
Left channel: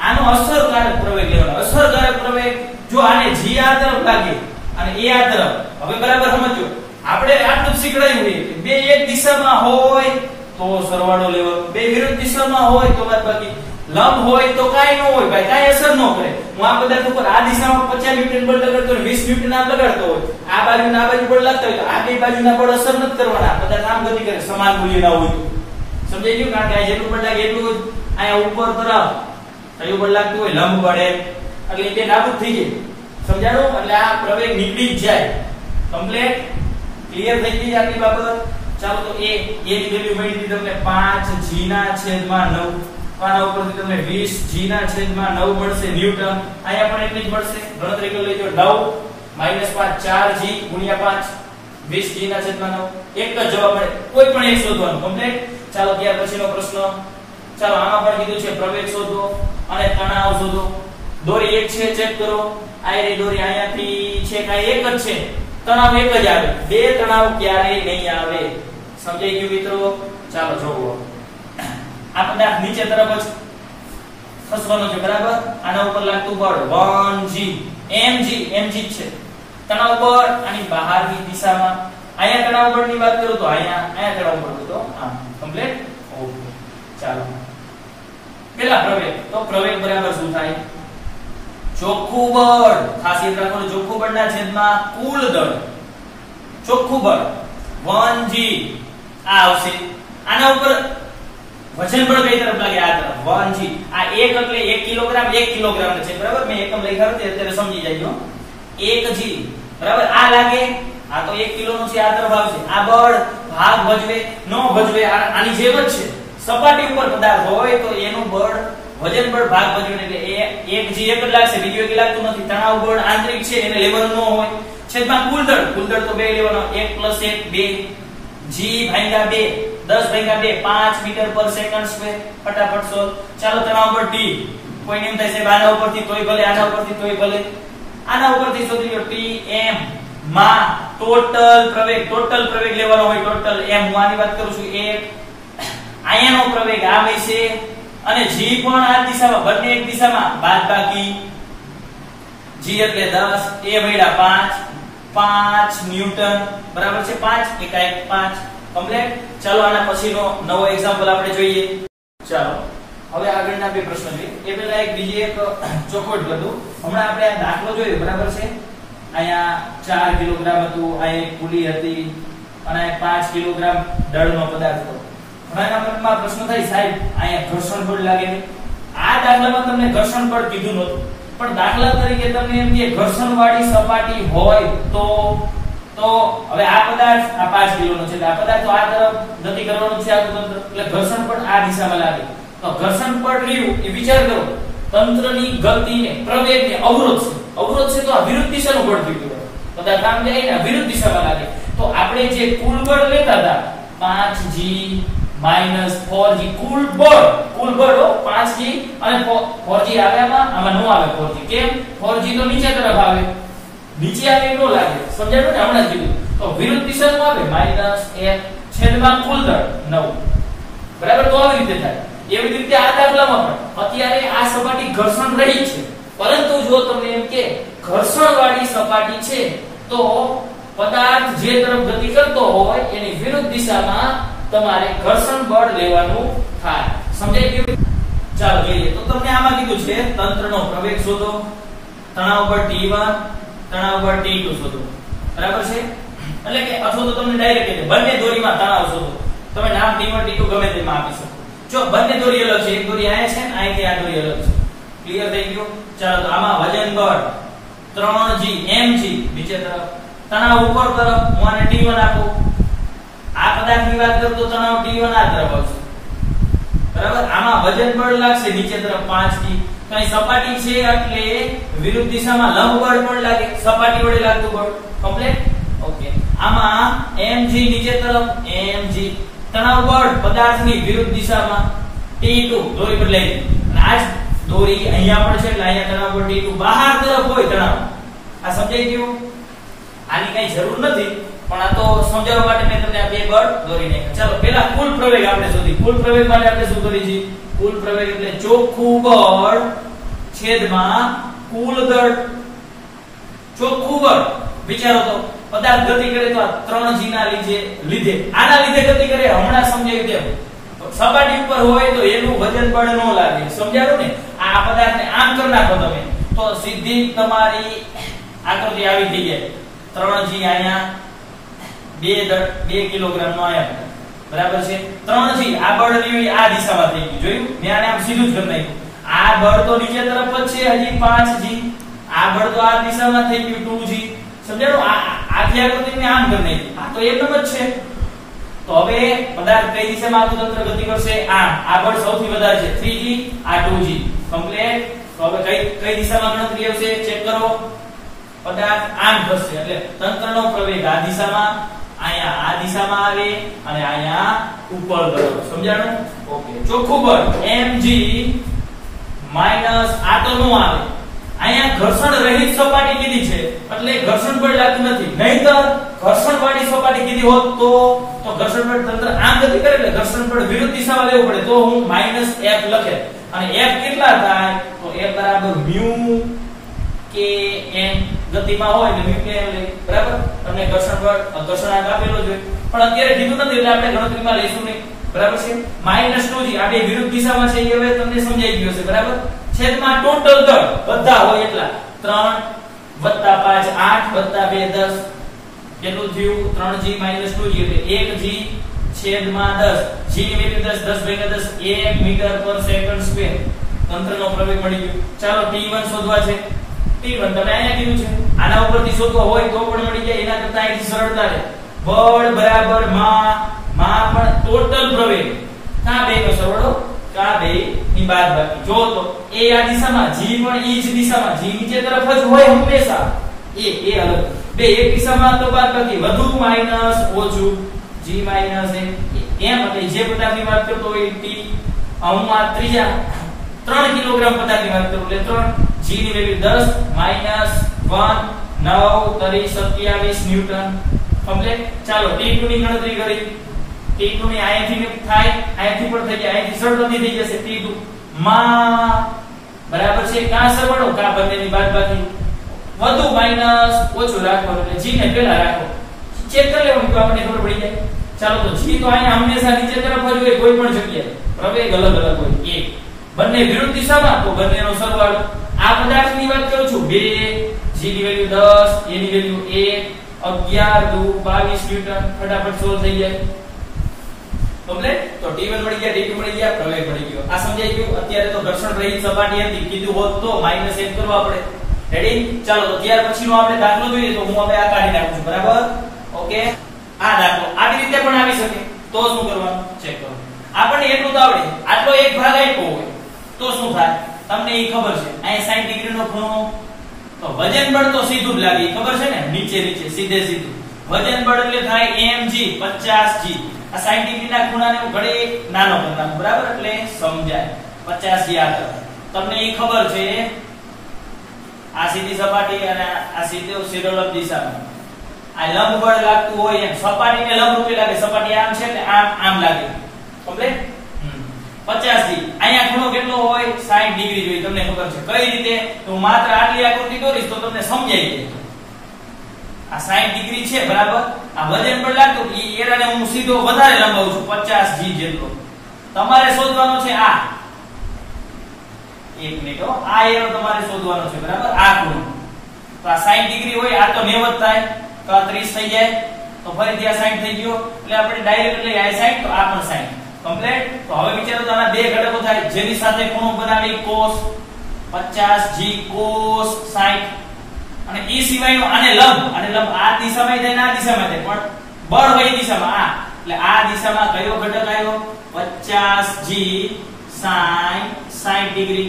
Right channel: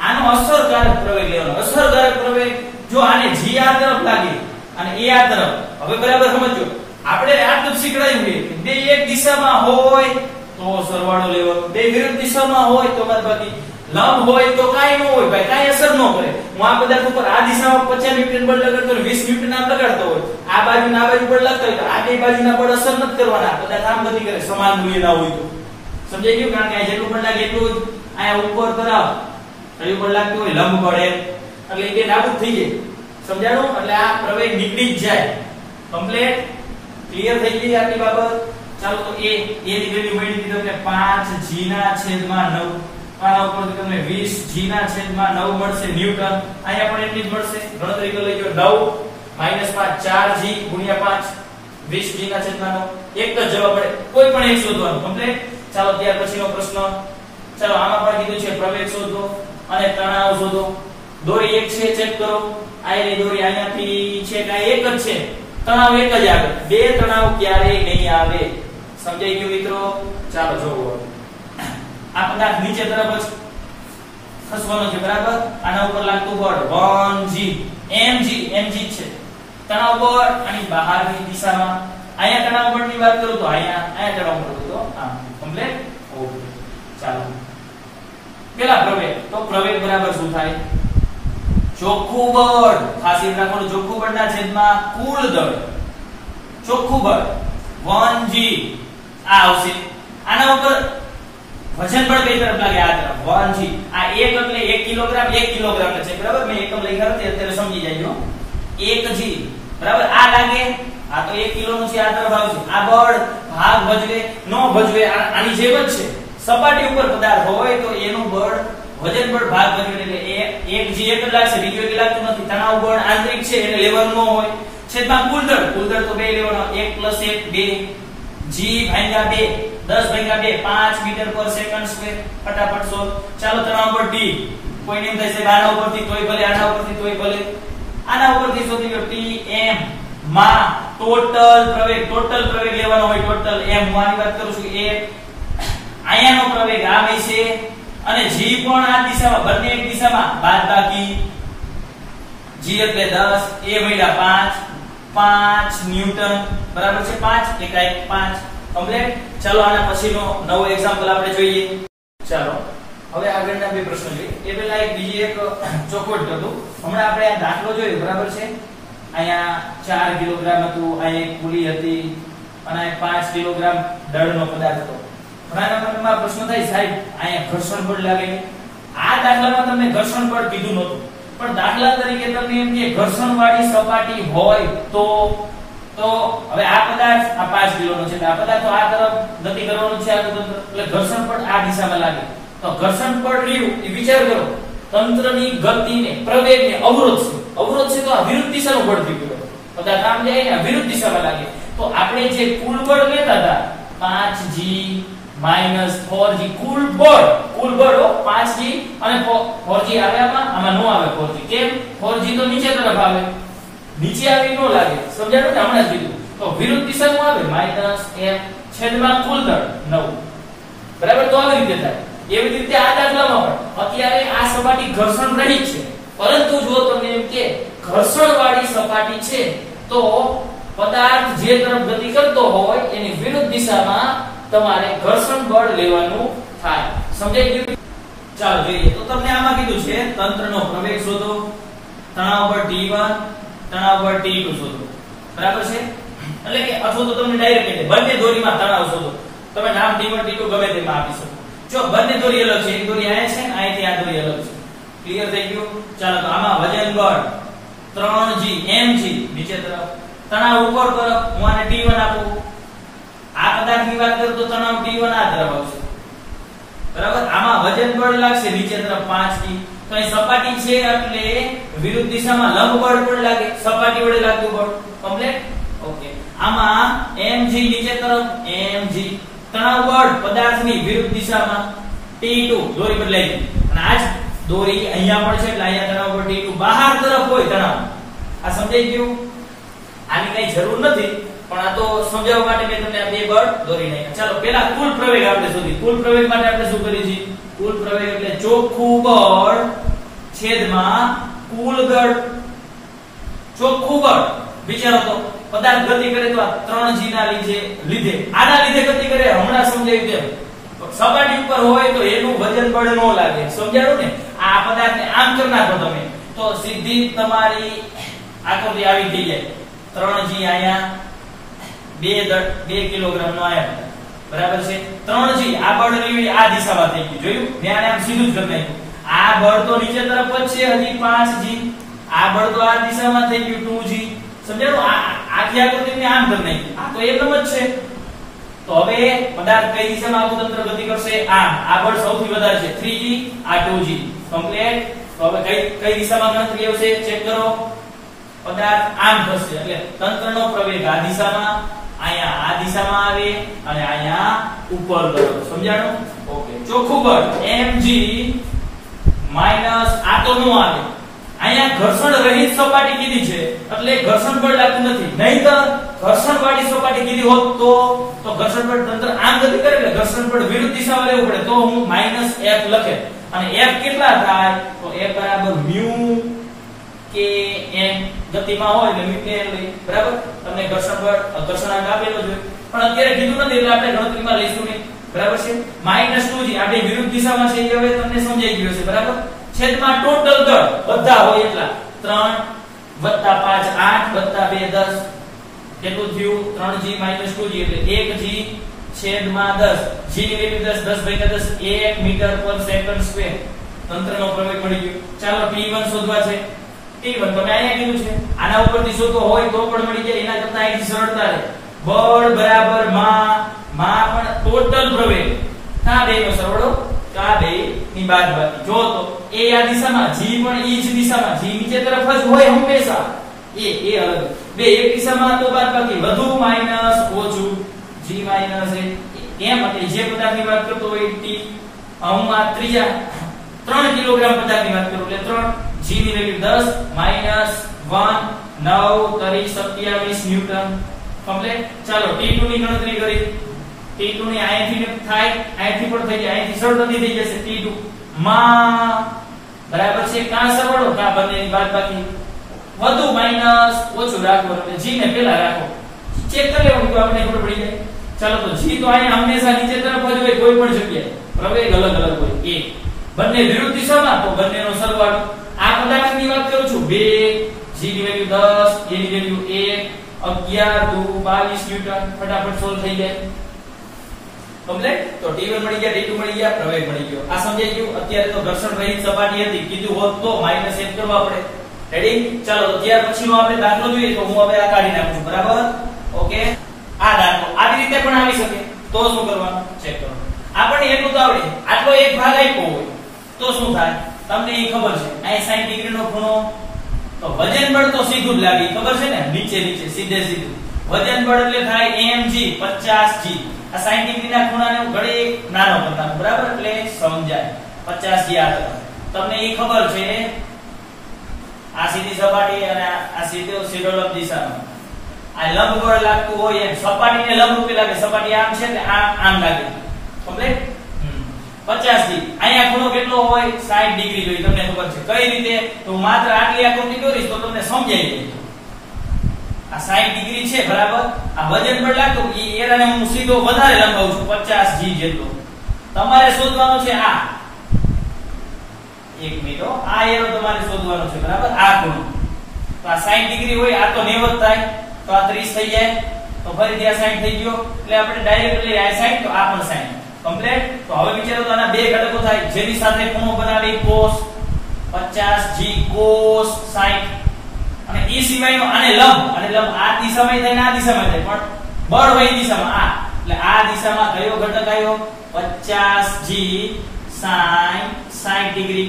આનો અસરકારક પ્રવેગ લેવાનો અસરકારક પ્રવેગ જો આને g આ તરફ લાગે અને a આ તરફ હવે બરાબર સમજો આપણે આટલું શીખડાયું છે બે એક દિશામાં હોય તો સરવાળો લેવાનો બે વિરુદ્ધ દિશામાં હોય તો બાદબાકી લંબ હોય તો કાઈ ન હોય ભાઈ કાઈ અસર ન કરે હું આ પદાર્થ ઉપર આ દિશામાં 50 ન્યૂટન બળ લગાડતો અને 20 ન્યૂટન આમ લગાડતો હોય આ બાજુના આ બાજુ બળ લાગતો હોય તો આ બે બાજુના બળ અસર નથી કરવાના પદાર્થ આમ ગતિ કરે સમાન મૂલ્ય ના હોય તો સમજાઈ ગયું કારણ કે આ જેટલું બળ લાગે એટલું અહીંયા ઉપર તરફ કયું બળ લાગતું હોય લંબ બળ એટલે બે નાબૂદ થઈ જાય સમજાણું એટલે આ પ્રવેગ નીકળી જ જાય કમ્પ્લીટ ક્લિયર થઈ ગઈ આટલી બાબત ચાલો તો એ ની વેલ્યુ મળી હતી તમને 5g ના છેદમાં 9 આના ઉપરથી તમને 20g ના છેદમાં 9 મળશે ન્યૂટન અહીંયા પણ એટલી જ મળશે ગણતરી કરી લેજો 9 - 5 4g * 5 20g ના છેદમાં 9 એક જ જવાબ મળે કોઈ પણ એક શોધવાનું કમ્પ્લીટ ચાલો ત્યાર પછીનો પ્રશ્ન ચાલો આમાં પણ કીધું છે પ્રવેગ શોધો અને તણાવ શોધો દોરી એક છે ચેક કરો આ દોરી અહીંયાથી છે કાઈ એક જ છે તણાવ એક જ આવે બે તણાવ ક્યારેય નહીં આવે સમજાઈ ગયું મિત્રો ચાલો જોવો આ પદાર્થ નીચે તરફ જ ખસવાનો છે બરાબર આના ઉપર લાગતું બળ 1g mg છે તણાવ બળ આની બહારની દિશામાં અહીંયા તણાવ બળની વાત કરું તો અહીંયા તણાવ બળ તો આમ કમ્પ્લીટ ઓકે ચાલો પેલા પ્રવેગ બરાબર શું થાય ચોખ્ખું બળ ખાસ યાદ રાખવાનું ચોખ્ખું બળના છેદમાં કુલ દળ ચોખ્ખું બળ 1g આ આવશે આના ઉપર વજન બળ કઈ તરફ લાગે આ તરફ 1g આ 1 એટલે 1 કિલોગ્રામ 1 કિલોગ્રામ છે બરાબર મેં એકમ લખ્યા છે અત્યારે સમજી જાજો 1g બરાબર આ લાગે આ તો 1 કિલો નું છે આ તરફ આવશે આ બળ ભાગ ભજવે નો ભજવે આની જેમ જ છે સપાટી ઉપર પદાર્થ હોય તો એનું બળ વજન બળ ભાગ ભર્યું એટલે એક જી એક જ લાગશે, બીજું એક લાગતું નથી. તણાવ બળ આંતરિક છે એને લેવાનું ન હોય. છેદમાં કુલ દળ તો બે લેવાનો, 1 + 1 2 જી ભાગ્યા 2 10 ભાગ્યા 2 5 મીટર પર સેકન્ડ સ્ક્વેર. ફટાફટ સોલ્વ. ચાલો તણાવ બળ ટી, કોઈને એમ થાય છે આના ઉપરથી તોય ભલે, આના ઉપરથી તોય ભલે, આના ઉપરથી શોધી લો. ટી એમ માં ટોટલ પ્રવેગ લેવાનો હોય. ટોટલ એમ હું આની વાત કરું છું. એક આયાનો પ્રવેગ આ હોય છે અને જી પણ આ દિશામાં, બંને એક દિશામાં, બાદબાકી જી એટલે 10, એ મળ્યા 5 ન્યૂટન બરાબર છે. 5 1 5 કમ્પ્લીટ. ચાલો આના પછીનો નવો એક્ઝામ્પલ આપણે જોઈએ. ચાલો હવે આગળના બે પ્રશ્નો જોઈએ. એ પહેલા બીજી એક ચોખવટ કરું. હમણાં આપણે આ દાખલો જોયો બરાબર છે. અહીંયા 4 કિલોગ્રામ હતું, આ એક પુલી હતી અને 5 કિલોગ્રામ દળનો પદાર્થ હતો. ઘણાના મનમાં પ્રશ્ન થાય સાહેબ અહીંયા ઘર્ષણ બળ લાગે. આ દાખલામાં તમને ઘર્ષણ બળ કીધું નહોતું, પણ દાખલા તરીકે તમને એમ કે ઘર્ષણવાળી સપાટી હોય તો હવે આ પદાર્થ આ 5 કિલોનો છે, આ પદાર્થ આ તરફ ગતિ કરવાનું છે, એટલે ઘર્ષણ બળ આ દિશામાં લાગે. તો ઘર્ષણ બળ રહ્યું એ વિચાર કરો, તંત્રની ગતિને, પ્રવેગને અવરોધ છે તો આ વિરુદ્ધ દિશાનું બળ થયું. પદાર્થ આમ જાય ને વિરુદ્ધ દિશામાં લાગે. તો આપણે જે કુલ બળ લેતા હતા 5g - 4g, કુલ બળ 5g અને 4g આવે આમાં નો આવે. 4g કેમ? 4g તો નીચે તરફ આવે, નીચે આવી નો લાગે. સમજાયું ને? હમણાં જ કીધું. તો વિરુદ્ધ દિશામાં આવે -1 છેદમાં કુલ દળ 9 બરાબર. તો આવી રીતે થાય. એવી રીતે આ દાખલામાં પણ અત્યારે આ સપાટી ઘર્ષણ રહિત છે, પરંતુ જો તમને એમ કે ઘર્ષણવાળી સપાટી છે તો પદાર્થ જે તરફ ગતિ કરતો હોય એની વિરુદ્ધ દિશામાં તમારે ઘર્ષણ બળ લેવાનું થાય. સમજાઈ ગયું? ચાલો જોઈએ. તો તમને આમાં કીધું છે તંત્રનો પ્રવેગ શોધો, તણાવ બળ T1, તણાવ બળ T2 શોધો બરાબર છે. એટલે કે અથવા તો તમને ડાયરેક્ટ કહી દે બંને દોરીમાં તણાવ શોધો. તમે નામ T1 T2 ગમે તેમાં આપી શકો. જો બંને દોરી અલગ છે, એક દોરી આયા છે ને અહીંથી આ દોરી અલગ છે. ક્લિયર થઈ ગયું? ચાલો તો આમાં વજન બળ 3g mg નીચે તરફ, તણાવ ઉપર તરફ હું આને T1 આપું. આ પદાર્થની વાત કરું તો તણાવ T1 આ તરફ આવશે બરાબર. આમાં વજન બળ લાગશે નીચે તરફ 5g. તો અહીં સપાટી છે એટલે વિરુદ્ધ દિશામાં લંબ બળ પણ લાગે, સપાટી વડે લાગતું બળ. કમ્પ્લીટ? ઓકે. આમાં mg નીચે તરફ, mg તણાવ બળ પદાર્થની વિરુદ્ધ દિશામાં T2 દોરી બદલાઈ ગઈ અને આ જ દોરી અહીંયા પણ છે એટલે અહીંયા તણાવ બળ T2 બહાર તરફ હોય તણાવ. આ સમજાઈ ગયું? આની કઈ જરૂર નથી, પણ આ તો સમજાવવા માટે મેં તમને આ બે બળ દોરી નાખ્યા. ચાલો પહેલા કુલ પ્રવેગ આપણે શોધી. કુલ પ્રવેગ માટે આપણે શું કરીએ છીએ? કુલ પ્રવેગ એટલે ચોખ્ખું બળ છેદમાં કુલ દળ. ચોખ્ખું બળ વિચારો તો પદાર્થ ગતિ કરે તો આ 3g ના લીધે આના લીધે ગતિ કરે. હમણાં સમજાવ્યું તેમ સપાટી ઉપર હોય તો એનું વજન બળ ન લાગે. સમજાયું ને? આ પદાર્થને આમ કરી નાખો તમે તો સીધી તમારી આકૃતિ આવી થઈ જાય. 3g આયા 2 કિલોગ્રામ નો આયા બરાબર છે. 3g આ બળ રહ્યું આ દિશામાં થઈ ગયું. જોયું? મેં આને આમ સીધું જ કરી નાખ્યું. આ બળ તો નીચે તરફ જ છે હજી 5g. આ બળ તો આ દિશામાં થઈ ગયું 2g. સમજાયું? આખી આકૃતિને આમ કરી નાખી. આ તો એકમ જ છે. તો હવે પદાર્થ કઈ દિશામાં આખું તંત્ર ગતિ કરશે? આ બળ સૌથી વધારે છે 3g, આ 2g. કમ્પ્લીટ. તો હવે કઈ દિશામાં ગણતરી આવશે? ચેક કરો. પદાર્થ આમ થશે એટલે તંત્રનો પ્રવેગ આ દિશામાં, અહીંયા આ દિશામાં આવે અને અહીંયા ઉપર તરફ. સમજાણું? ઓકે. ચોખ્ખું બળ mg માઈનસ આ તો નો આવે. અહીંયા ઘર્ષણ રહિત સપાટી કીધી છે એટલે ઘર્ષણ બળ લાગતું નથી. નહીંતર ઘર્ષણ વાળી સપાટી કીધી હોત તો ઘર્ષણ બળ તંત્ર આમ ગતિ કરે એટલે ઘર્ષણ બળ વિરુદ્ધ દિશામાં લેવું પડે. તો હું -f લખે અને f કેટલા થાય? તો f બરાબર μ kn ગતિમાં હોય એટલે μ kn લઈ બરાબર. તમને ઘર્ષણાંક આપેલો છે પણ અત્યારે કીધું નથી એટલે આપણે ગણતરીમાં લઈશું નહીં બરાબર છે. -2g આ બે વિરુદ્ધ દિશામાં છે એ હવે તમને સમજાઈ ગયું છે બરાબર. છેદમાં ટોટલ દળ બધા હોય એટલા 3 + 5 8 + 2 10 કેટલું થયું? 3g - 2g એટલે 1g છેદમાં 10. g ની વેલ્યુ 10 10 / 10 1 મીટર પર સેકન્ડ સ્ક્વેર. તંત્રનો પ્રવેગ મળી ગયો. ચાલો T1 શોધવા છે. T1 તમે અહીંયા કીધું છે. આના ઉપરથી શોધવા હોય તો પણ મળી જાય. એના કરતા અહીંથી સરળતા છે. બળ બરાબર માં પણ ટોટલ પ્રવેગ. કાં બેનો સરવાળો તો આ બે ની બાદબાકી. જો તો a આ દિશામાં, g પણ ઈ જ દિશામાં, g નીચે તરફ જ હોય હંમેશા. a અલગ, બે એક દિશામાં તો બાદબાકી, વધુ માઈનસ ઓછું, g માઈનસ a. કેમ? એટલે જે પદાર્થની વાત કરતો હોય t આમાં ત્રીજા 3 કિલોગ્રામ પદાર્થની વાત કરું એટલે 3, g ની વેલ્યુ 10 માઈનસ 1 9 કરી 27 ન્યૂટન. કમ્પ્લીટ. ચાલો t2 ની ગણતરી કરી. t2 ની અહીંથી થાય, અહીંથી પણ થઈ જાય, અહીંથી સરળતાથી થઈ જશે. t2 માં બરાબર છે કા સરવાળો કા બંનેની બાદબાકી, વધુ માઈનસ ઓછું રાખો એટલે g ને પહેલા રાખો. ચેક કરી લેવાનું તો આપણે ખબર પડી જાય. ચાલો તો g તો અહીંયા હંમેશા નીચે તરફ જ હોય, કોઈ પણ જગ્યાએ. પ્રવેગ અલગ અલગ હોય. a બંને વિરુદ્ધ દિશામાં તો બંનેનો સરવાળો. આ પદાર્થની વાત કરું છું 2, g ની વેલ્યુ 10, a ની વેલ્યુ 1, 11 2 22 ન્યૂટન. ફટાફટ સોલ્વ થઈ જાય. કમ્પ્લીટ. તો t1 મળી ગયા, t2 મળી ગયા, પ્રવેગ મળી ગયો. આ સમજાઈ ગયું. અત્યારે તો ઘર્ષણ રહિત સપાટી હતી, કીધું હોત તો માઈનસ 1 કરવા પડે. રેડી? ચાલો તો ત્યાર પછીનો આપણે દાખલો જોઈએ તો હું હવે આ કાઢી નાખું છું. બરાબર? ઓકે. આ દાખલો આવી રીતે પણ આવી શકે તો શું કરવાનું ચેક કરો. આપણને એટલું તો આવડે, આટલો એક ભાગ આપ્યો હોય તો શું થાય તમને એ ખબર છે. અહીં 60 ડિગ્રી નો ખૂણો, તો વજન બળ તો સીધું જ લાગે, ખબર છે ને, નીચે નીચે સીધે સીધું. વજન બળ એટલે થાય mg 50g. આ 60 ડિગ્રી ના ખૂણાને હું ઘડી નાનો કરતા, બરાબર? એટલે સમજાય 50g આ તરફ. તમને એ ખબર છે આ સીધી સપાટી અને આ સીધો દિશામાં આ લંબ બળ લાગતું હોય એમ સપાટીને લંબ રૂપે લાગે. સપાટી આમ છે એટલે આમ લાગે. કમ્પ્લીટ. 50g. અહીંયા ખૂણો કેટલો હોય? 60 ડિગ્રી જોઈએ. તમને ખબર છે કઈ રીતે? તો માત્ર આટલી આકૃતિ દોરીશ તો તમને સમજાઈ જાય. આ 60 ડિગ્રી છે, બરાબર? આ વજન બળ લાગતું એ એરાને હું સીધો વધારે લંબાવું છું 50g જેટલો. તમારે શોધવાનો છે આ. એક મિનિટ હો, આ એરો તમારે શોધવાનો છે, બરાબર? આ ખૂણો તો આ 60 ડિગ્રી હોય, આ તો 90 થાય તો આ 30 થઈ જાય. તો ફરીથી આ 60 થઈ ગયો એટલે આપણે ડાયરેક્ટ લઈ આ 60 તો આ પણ 60. કમ્પ્લીટ. તો હવે વિચારો તો આના બે ઘટકો થાય જેની સાથે ખૂણો બનાવી cos 50g cos 60 અને એ સિવાયનો આને લંબ આ દિશામાં થાય ને આ દિશામાં થાય, પણ બળ હોય એ દિશામાં આ. એટલે આ દિશામાં કયો ઘટક આવ્યો? 50g sin 60 degree.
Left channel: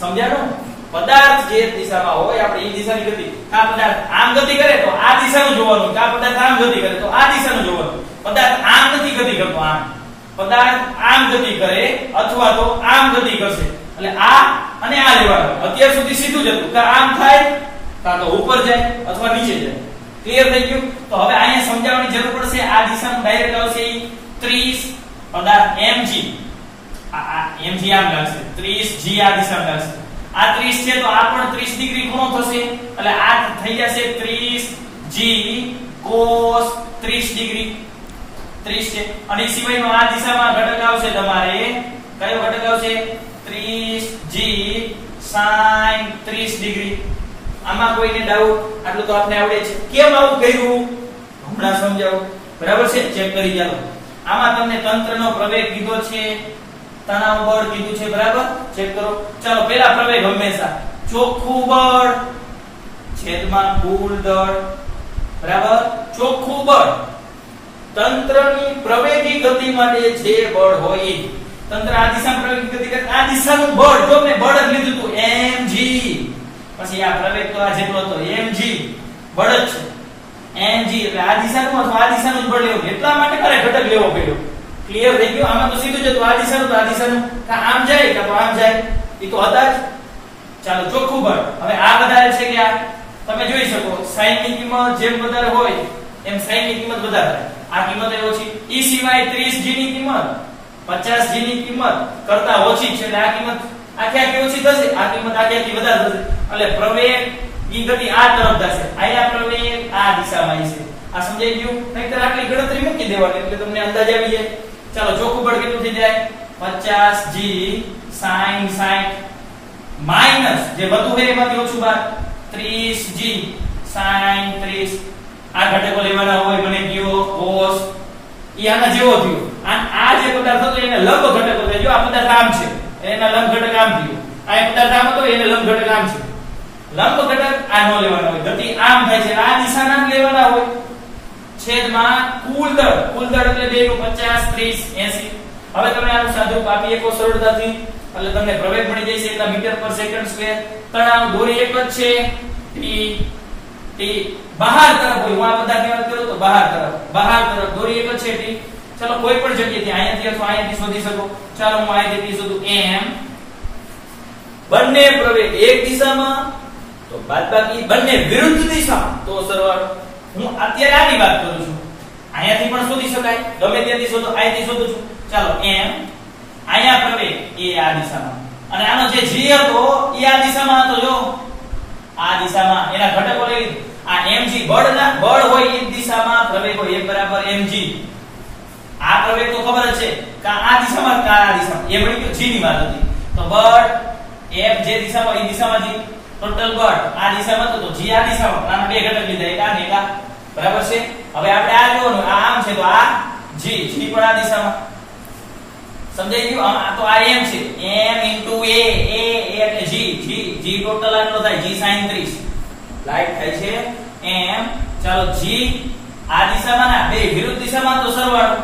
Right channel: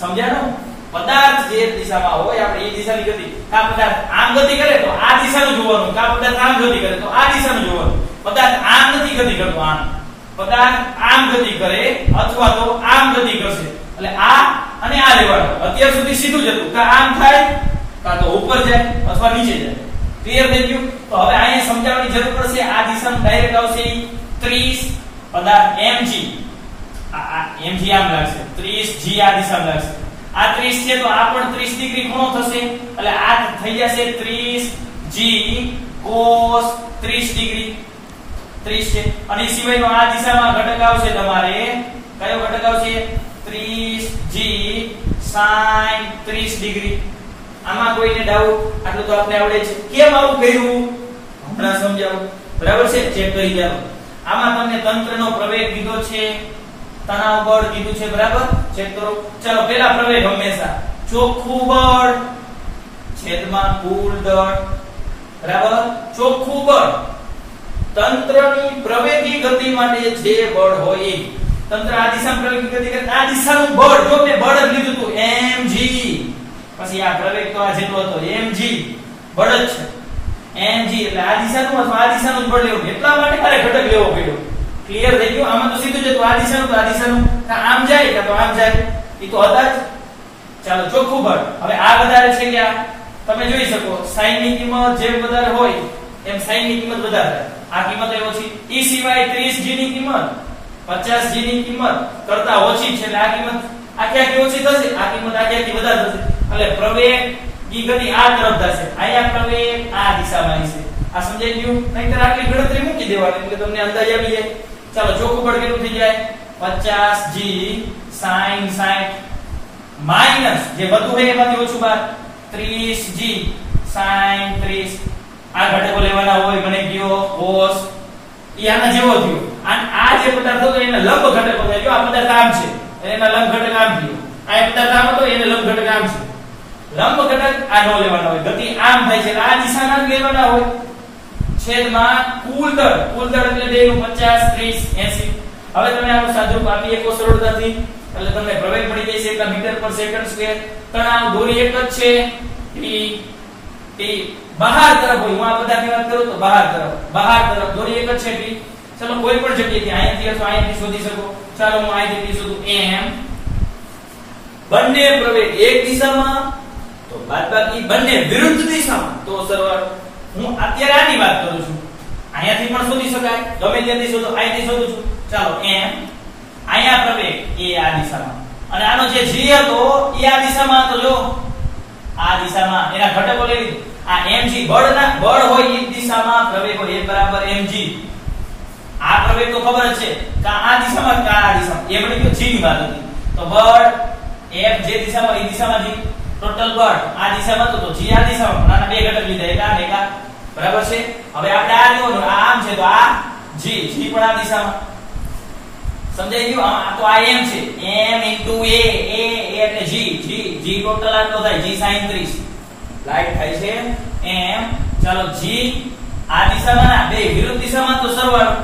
સમજાણું? પદાર્થ જે દિશામાં હોય આપણે એ દિશાની ગતિ, આ પદાર્થ આમ ગતિ કરે તો આ દિશાનું જોવાનું, આ પદાર્થ આમ ગતિ કરે તો આ દિશાનું જોવાનું. પદાર્થ આમ નથી ગતિ કરતો, આમ પદાર્થ આમ ગતિ કરે અથવા તો આમ ગતિ કરશે એટલે આ અને આ લેવાનું. અત્યાર સુધી સીધું જ હતું, કા આમ થાય કા તો ઉપર જાય અથવા નીચે જાય. ક્લિયર થઈ ગયું? તો હવે અહીંયા સમજાવવાની જરૂર પડશે. આ દિશામાં ડાયરેક્ટ આવશે 30 પદાર્થ mg, આ mg આમ લાગશે, 30g આ દિશામાં લાગશે. આ 30 છે તો આ પણ 30 ડિગ્રી ખૂણો થશે એટલે આ થઈ જશે 30g cos 30 ડિગ્રી. 30 છે અને એ સિવાયનો આ દિશામાં ઘટક આવશે તમારે. કયો ઘટક આવશે? 30g sin 30 degree. આમાં કોઈને ડાઉટ? આટલું તો આપણે આવડે છે. કેમ આવું કર્યું હમણાં સમજાવું. બરાબર છે? ચેક કરી જાઓ. આમાં તમને તંત્રનો પ્રવેગ કીધો છે, તણાવ બળ કીધું છે, બરાબર? ચેક કરો. ચાલો પહેલા પ્રવેગ હંમેશા ચોખ્ખું બળ છેદમાં કુલ દળ, બરાબર? ચોખ્ખું બળ તંત્રની પ્રવેગી ગતિ માટે જે બળ હોય એ. તંત્ર આ દિશામાં પ્રવેગી ગતિ કરે, આ દિશાનું બળ જો મેં બળ જ લીધું હતું mg, પછી આ પ્રવેગ તો આ જેટલો હતો mg બળ જ છે. mg એટલે આ દિશાનું અથવા આ દિશાનું જ બળ લેવું, એટલા માટે મારે ઘટક લેવો પડ્યો. ક્લિયર થઈ ગયું? આમાં તો સીધું જ હતું, આ દિશાનું તો આ દિશાનું, આમ જાય કે આમ જાય, એ તો હતા જ. ચાલો ચોખ્ખું બળ. હવે આ વધારે છે કે આ? તમે જોઈ શકો sin ની કિંમત જેમ વધારે હોય એમ sin ની કિંમત વધારે. આ કિંમત ઓછી. એ સિવાય 30g ની કિંમત 50g ની કિંમત કરતા ઓછી છે એટલે આ કિંમત આખી ઓછી થશે, આ કિંમત આખી વધારે થશે. એટલે પ્રવેગ ઈ ગતિ આ તરફ જશે, અહીંયા પ્રવેગ આ દિશામાં છે. આ સમજાઈ ગયું? નહીંતર આટલી ગણતરી મૂકી દેવાની એટલે તમને અંદાજ આવી જાય. ચાલો ચોખ્ખું બળ કેટલું થઈ જાય? 50g sin 60 માઈનસ જે બધું હોય એમાંથી ઓછું બાદ 30g sin 30. આ ઘટકો લેવાના હોય મને કયો cos, ઈ આના જેવો થયો. આ જે પદાર્થ હતો એને લંબ ઘટકો થાય. જો આ પદાર્થ આમ છે એના લંબ ઘટક આમ થયો, આ પદાર્થ આમ હતો એને લંબ ઘટક આમ છે. લંબ ઘટક આ નો લેવાના હોય, ગતિ આમ થાય છે આ દિશાના લેવાના હોય. છેદમાં કુલ દળ એટલે બેનું 50 30 80. હવે તમે આનું સાદુરૂપ આપી શકો સરળતાથી, એટલે તમને પ્રવેગ મળી જશે એટલા મીટર પર સેકન્ડ સ્ક્વેર. તણાવ દોરી એક જ છે t બહાર તરફ હોય, હું આ બધાની વાત કરું તો બહાર તરફ દોરી એક જ છે t. ચલો કોઈ પણ જગ્યાએથી અહીંયાથી અથવા અહીંયાથી શોધી શકો. ચાલો હું અહીંયાથી શોધું m. બંને પ્રવેગ એક દિશામાં તો બાદબાકી બંને વિરુદ્ધ દિશામાં તો સરવાળો. હું અત્યારે આની વાત કરું છું, અહીંયાથી પણ શોધી શકાય, ગમે ત્યાંથી શોધો, અહીંયાથી શોધું છું. ચાલો m અહીંયા પ્રવેગ એ આ દિશામાં અને આનો જે g હતો એ આ દિશામાં હતો. જો આ દિશામાં એના ઘટકો લઈ લીધું. આ mg બળ હોય એ દિશામાં પ્રવેગ હોય f બરાબર mg. આ પ્રવેગ તો ખબર જ છે કે આ દિશામાં કે આ દિશામાં, એ મળી ગયું g ની વાત હતી. તો બળ f જે દિશામાં એ દિશામાં g, ટોટલ બળ આ દિશામાં તો g આ દિશામાં, આના બે ઘટક લીધા, એક આ ને એક આ. બરાબર છે. હવે આપણે આ લેવાનું, આ આમ છે તો આ g પણ આ દિશામાં. સમજાઈ ગયું? આ તો આ m છે, m * a એટલે g ટોટલ આટલો થાય, g sin 30 લાઈટ થાય છે m. ચાલો g આ દિશામાં ના બે વિરુદ્ધ દિશામાં તો સરવાળો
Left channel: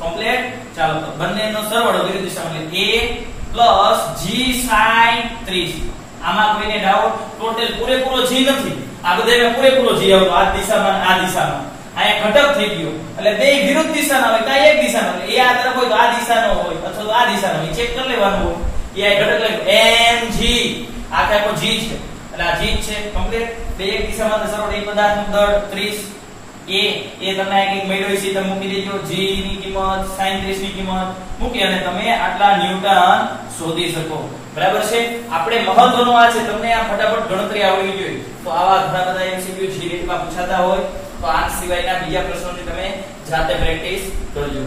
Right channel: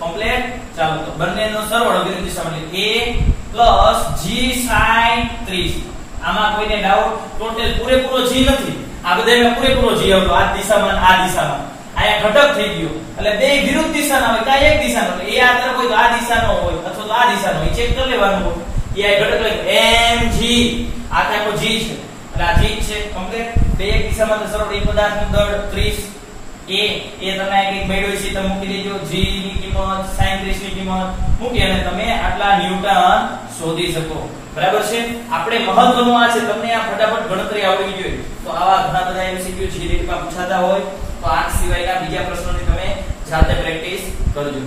કમ્પ્લીટ. ચાલો તો બંનેનો સરવાળો વિરુદ્ધ દિશામાં એટલે a + g sin 30. આમાં કોઈને ડાઉટ? ટોટલ પૂરેપૂરો g નથી, આ બધામાં પૂરેપૂરો g આવતો આ દિશામાં આ દિશામાં. આયા ઘટક થઈ ગયો એટલે બે વિરુદ્ધ દિશાના હોય, કાઈ એક દિશાનો એટલે એ આ તરફ હોય તો આ દિશાનો હોય અથવા તો આ દિશાનો હોય, ચેક કરી લેવાનું હોય. એ આ ઘટક લઈ mg, આ કાકો g છે એટલે આ g છે કમ્પ્લીટ. બે એક દિશામાં તો સરળ એક પદાર્થનું દળ 30 એ તમને આ કંઈક મેળવી છે તમે મૂકી દેજો. g ની કિંમત sin 30 ની કિંમત મૂકી અને તમે આટલા ન્યૂટન શોધી શકો. બરાબર છે. આપણે મહત્વનું આ છે તમને આ ફટાફટ ગણતરી આવડવી જોઈએ. તો આવા ઘણા બધા MCQ જે રીતમાં પૂછાતા હોય તો આ સિવાયના બીજા પ્રશ્નોથી તમે જાતે પ્રેક્ટિસ કરજો.